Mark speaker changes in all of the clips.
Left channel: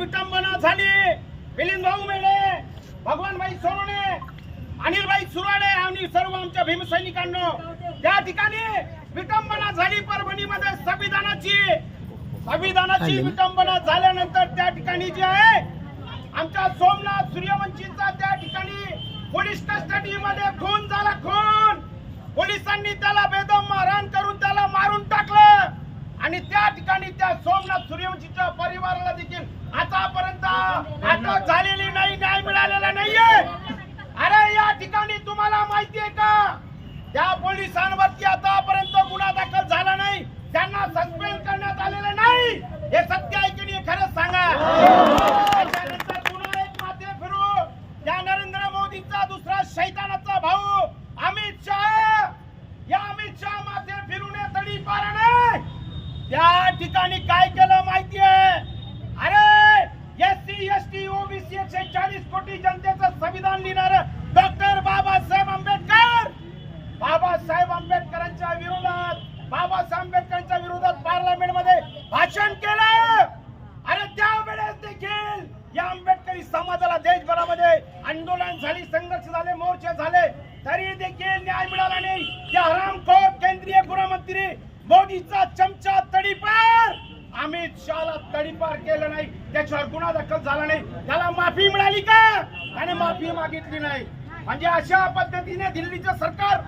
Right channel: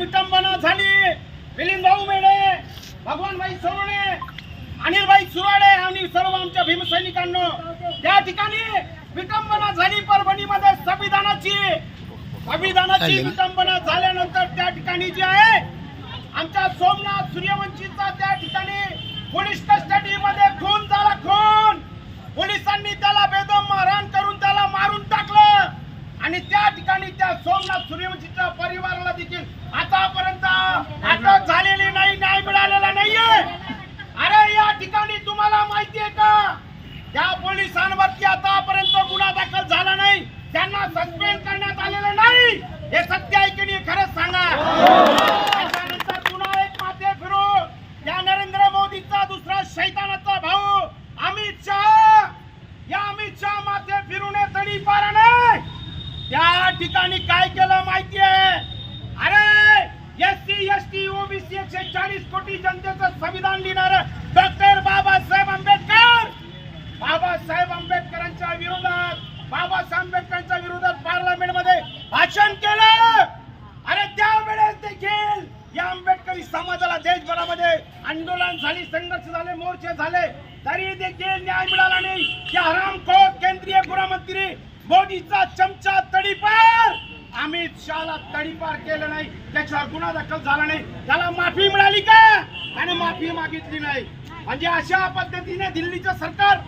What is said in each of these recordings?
Speaker 1: विटंबना झाली. मिलिंद भाऊ मेढे भगवानभाई सोनवणे अनिलभाई सुराडे आणि सर्व आमच्या भीमसैनिकांनो त्या ठिकाणी विटंबना झाली परभणीमध्ये संविधानाची. संविधानाची विटंबना झाल्यानंतर त्या ठिकाणी जे आहे आमच्या सोमनाथ सूर्यवंशीचा त्या ठिकाणी पोलीस कस्टडी मध्ये खून झाला खून. पोलिसांनी त्याला बेदम मारहाण करून त्याला मारून टाकलं आणि त्या ठिकाणी त्या सोमनाथ सूर्यवंशीच्या परिवाराला देखील आतापर्यंत अटक झालेली नाही न्याय मिळालेला नाहीये. अरे या ठिकाणी तुम्हाला माहिती आहे का? त्या पोलिसांवरती आतापर्यंत गुन्हा दाखल झाला नाही. त्यांना सस्पेंड करण्यात आलेलं नाही. हे सत्य आहे की नाही खरंच सांगा त्याच्यानंतर पुन्हा एक माथे फिरून या नरेंद्र मोदीचा दुसरा शैतानाचा भाऊ अमित शहा या अमित शहा माथे फिरून तडी पारा नाही त्या ठिकाणी काय केलं माहितीये? अरे एस एसटी टी ओबीसी एकशे चाळीस कोटी जनतेचं संविधान लिहिणार डॉक्टर बाबासाहेब आंबेडकर! बाबासाहेब आंबेडकरांच्या विरोधात बाबासाहेब आंबेडकरांच्या विरोधात पार्लमेंटमध्ये भाषण केलं! अरे त्यावेळेस देखील या आंबेडकरी समाजाला देशभरामध्ये आंदोलन झाली संघर्ष झाले मोर्चे झाले तरी देखील न्याय मिळाला नाही. या हरामखोर केंद्रीय गृहमंत्री मोदीचा चमचा तडीपार. अमित शहाला तडीपार केलं नाही. त्याच्यावर गुन्हा दाखल झाला नाही. त्याला माफी मिळाली का? त्याने माफी मागितली नाही. म्हणजे अशा पद्धतीने दिल्लीचं सरकार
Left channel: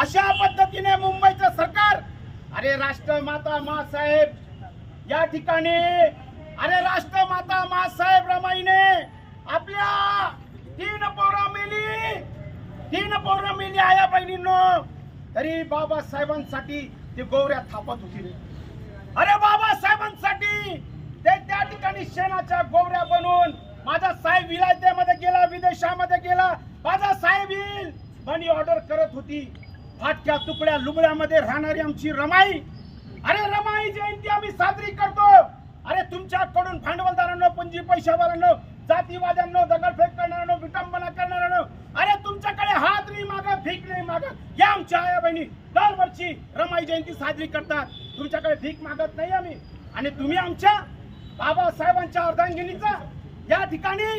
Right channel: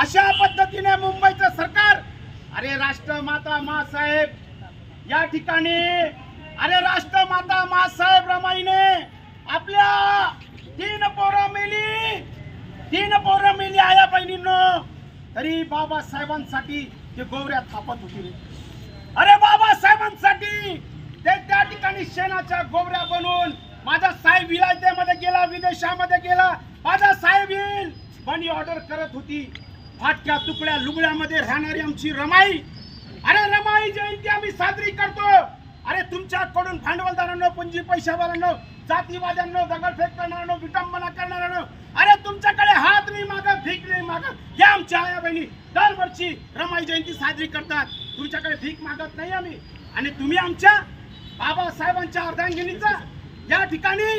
Speaker 1: अशा पद्धतीने मुंबईचं सरकार अरे राष्ट्रमाता मासाहेब या ठिकाणी अरे राष्ट्रमाता मासाहेब रमाईने आपल्या तीन पोरं मेली. तीन पोरं मेली आया बहिणींनो. तरी बाबासाहेबांसाठी ते गोवऱ्या थापत होती अरे बाबासाहेबांसाठी ते त्या ठिकाणी शेणाच्या गोवऱ्या बनवून माझा साहेब विलायतेमध्ये गेला विदेशामध्ये गेला. माझा साहेब येईल. मनी ऑर्डर करत होती. फाटक्या तुकड्या लुगड्यामध्ये राहणारी आमची रमाई. अरे रमाई जयंती आम्ही साजरी करतो. अरे तुमच्याकडून भांडवलदारांना पुंजी पैशावाल्यांना जातीवाद्यांना दगडफेक करणाऱ्यांनो विटंबना करणाऱ्यांनो अरे तुमच्याकडे हात नाही मागत भीक नाही मागत. या आमच्या आया बहिणी दरवर्षी रमाई जयंती साजरी करतात. तुमच्याकडे भीक मागत नाही आम्ही. आणि तुम्ही आमच्या बाबासाहेबांच्या अर्धांगिनीचा या ठिकाणी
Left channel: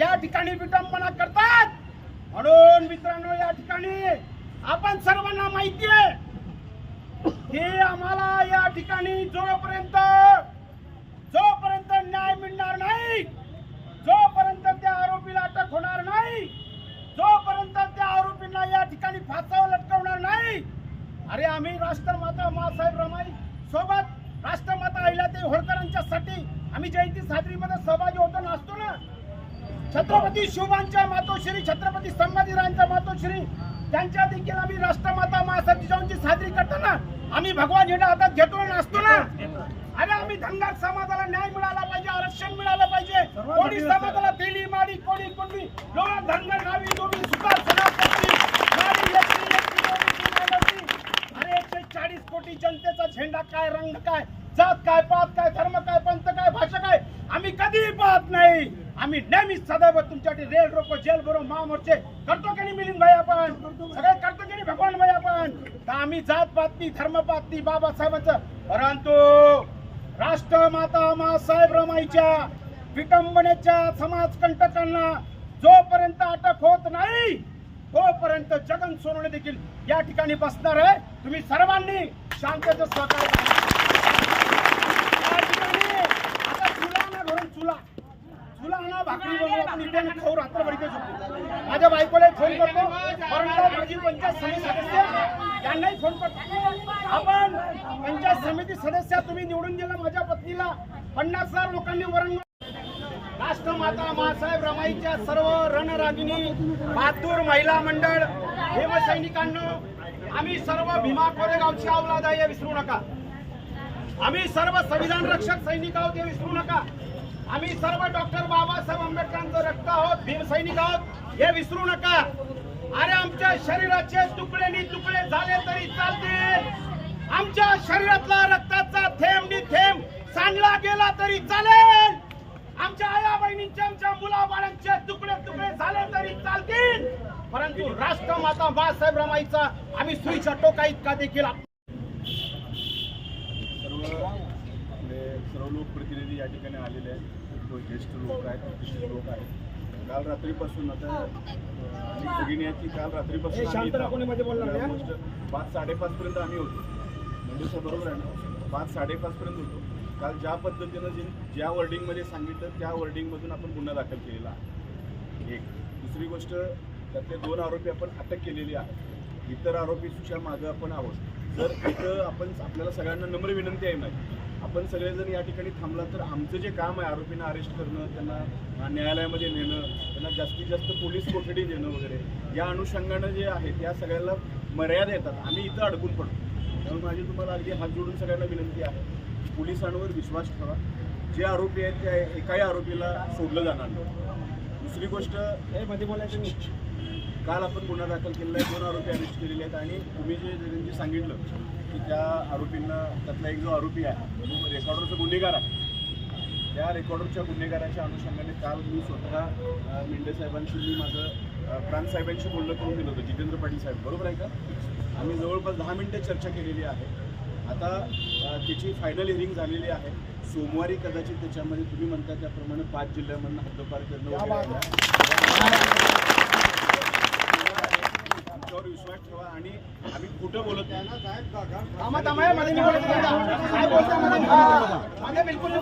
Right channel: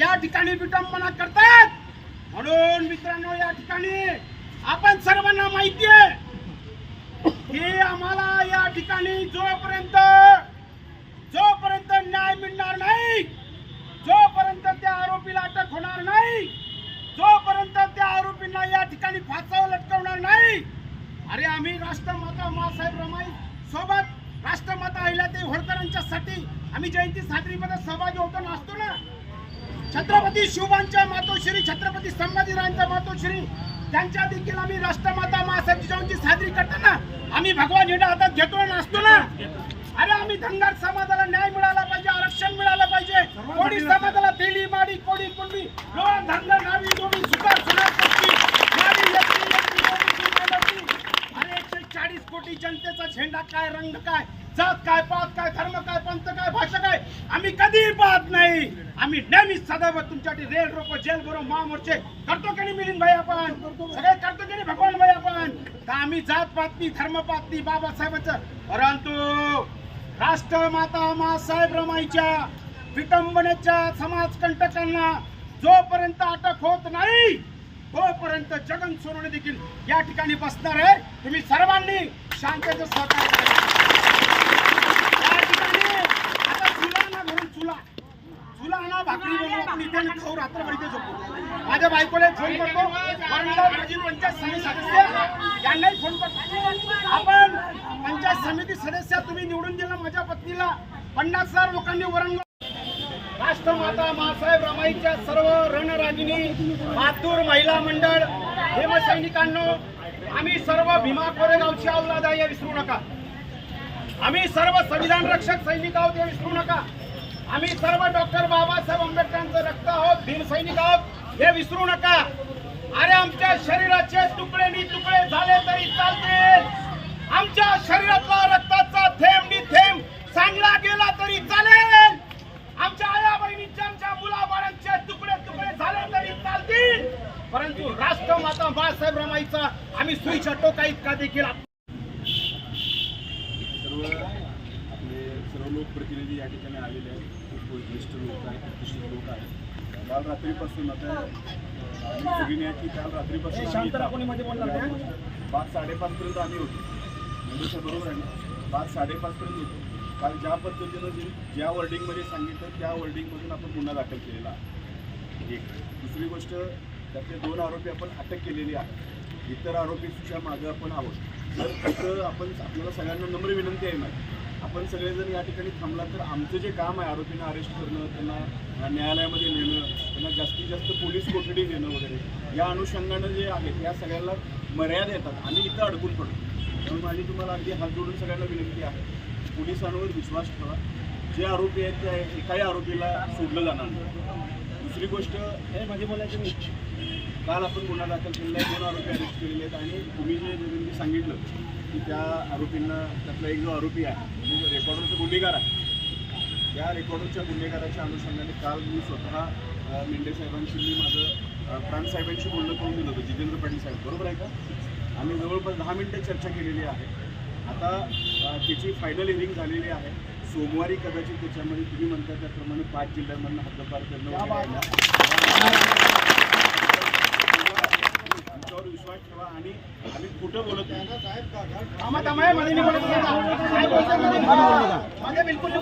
Speaker 1: या ठिकाणी विटंबना करतात. म्हणून मित्रांनो या ठिकाणी आपण सर्वांना माहिती आहे की आम्हाला या ठिकाणी जोपर्यंत न्याय मिळणार नाही जोपर्यंत त्या आरोपीला अटक होणार नाही. जोपर्यंत त्या आरोपींना या ठिकाणी फासावर लटकवणार नाही. अरे आम्ही राष्ट्रमाता मासाहेब रमाई सोबत राष्ट्रमाता अहिल्यादेवी होळकरांच्यासाठी आम्ही जयंती साजरीमध्ये सहभागी होतो नाचतो ना. छत्रपती शिवबांच्या मातोश्री छत्रपती संभाजीराजांच्या मातोश्री त्यांच्या देखील आम्ही राष्ट्रमाता मासाहेब जिजाऊंची साजरी करताना आम्ही भगवान झेंडा हातात घेतो नाचतो ना. अरे आम्ही धनगर समाजाला न्याय मिळाला पाहिजे आरक्षण मिळालं पाहिजे कोणी समाजाला दिली माडी कोणी कुणबी लोहा धनगर नावी दोन्ही सुतार एकशे चाळीस कोटी जनतेचा झेंडा काय रंग काय जात काय पात काय धर्म काय पंथ काय भाषा काय आम्ही कधीही पाहत नाही. आम्ही नेहमीच सदैव तुमच्यासाठी रेड रोको जेल भरो महामोर्चे. करतो की नाही मिलिंद भाई आपण. सगळे करतो की नाही भगवान भाई आपण. तर आम्ही जात पात नाही धर्म पात बाबासाहेबांचं. परंतु राष्ट्रमाता मासाहेब रमाईच्या विटंबनेच्या समाजकंटकांना जोपर्यंत अटक होत नाही तोपर्यंत जगन सोनवणे देखील या ठिकाणी बसणार आहे. तुम्ही सर्वांनी शांततेचं सहकार्य या ठिकाणी आता चुला ना घरून चुला. चुला आणा भाकरी बनवू आपण इथे खाऊ रात्रभर इथे झोपू. माझ्या बायकोला फोन करतो. परंतु माझी पंचायत समिती सदस्य यांनाही फोन करतो. आपण पंचायत समिती सदस्य तुम्ही निवडून दिला माझ्या पत्नीला. पन्नास हजार लोकांनी वरण राष्ट्रमाता मासाहेब रमाईच्या सर्व रणरागिनी मातूर महिला मंडळ भीमसैनिकांनो आम्ही सर्व भीमा कोरेगावची औलाद आहे हे विसरू नका. आम्ही सर्व संविधान रक्षक सैनिक आहोत हे विसरू नका. आम्ही सर्व डॉक्टर बाबासाहेब आंबेडकरांचं रक्त आहोत भीम सैनिक आहोत हे विसरू नका. अरे आमच्या शरीराचे तुकडे नि तुकडे झाले तरी चालतील आमच्या शरीरातला रक्ताचा थेंब डी थेंब सांडला गेला तरी चालेल. आमच्या आया बहिणींचे आमच्या मुलाबाळांचे तुकडे तुकडे झाले तरी चालतील. परंतु राष्ट्रमाता बाळासाहेब रमाईचा आम्ही सुईच्या टोका इतका देखील
Speaker 2: सर्व आपले सर्व लोकप्रतिनिधी या ठिकाणी आलेले आहेत. ज्येष्ठ लोक आहेत प्रतिष्ठित लोक आहेत. काल रात्रीपासून आता सगळी आहेत की काल रात्रीपासून. पाच साडेपाचपर्यंत आम्ही होतो. म्हणजे सर बरोबर आहे ना? पाच साडेपाचपर्यंत होतो. काल ज्या पद्धतीनं जे ज्या वर्डिंगमध्ये सांगितलं त्या वर्डिंगमधून आपण गुन्हा दाखल केलेला आहे. म्हणजे एक दुसरी गोष्ट त्यातले दोन आरोपी आपण अटक केलेली आहे इतर आरोपी मागं आपण आहोत. तर इथं आपण आपल्याला सगळ्यांना नम्र विनंती आहे माहिती आपण सगळेजण या ठिकाणी थांबला तर आमचं जे काम आहे आरोपींना अरेस्ट करणं त्यांना न्यायालयामध्ये नेणं त्यांना जास्तीत जास्त पोलीस कोठडी देणं वगैरे या अनुषंगानं जे आहे त्या सगळ्याला मर्यादा येतात. आम्ही इथं अडकून पडतो. म्हणून माझी तुम्हाला अगदी हात जोडून सगळ्यांना विनंती आहे. पोलिसांवर विश्वास ठेवा. जे आरोपी आहेत त्या एकाही आरोपीला सोडलं जाणार नाही. दुसरी गोष्ट म्हणजे काल आपण गुन्हा दाखल केलेला आहे दोन आरोपी अरेस्ट केलेले आहेत आणि तुम्ही जे जे सांगितलं की त्या आरोपींना त्यातला एक जो आरोपी आहे तो रेकॉर्डरचा गुन्हेगार आहे त्या रेकॉर्डरच्या गुन्हेगाराच्या अनुषंगाने काल मी स्वतः मेंढे साहेबांशी मी माझं प्राणसाहेबांशी प्राण साहेबांशी बोलणं करून दिलं होतं जितेंद्र पाटील साहेब. बरोबर आहे का? आम्ही जवळपास दहा मिनटं चर्चा केलेली आहे. आता अ, त्याची फायनल हिअरिंग झालेली आहे सोमवारी कदाचित त्याच्यामध्ये तुम्ही म्हणता त्याप्रमाणे पाच जिल्ह्यांमधून हद्दपार करणं आहे. आमच्यावर विश्वास ठेवा आणि आम्ही खोटं बोलत
Speaker 1: हे? मध्ये बिलकुल.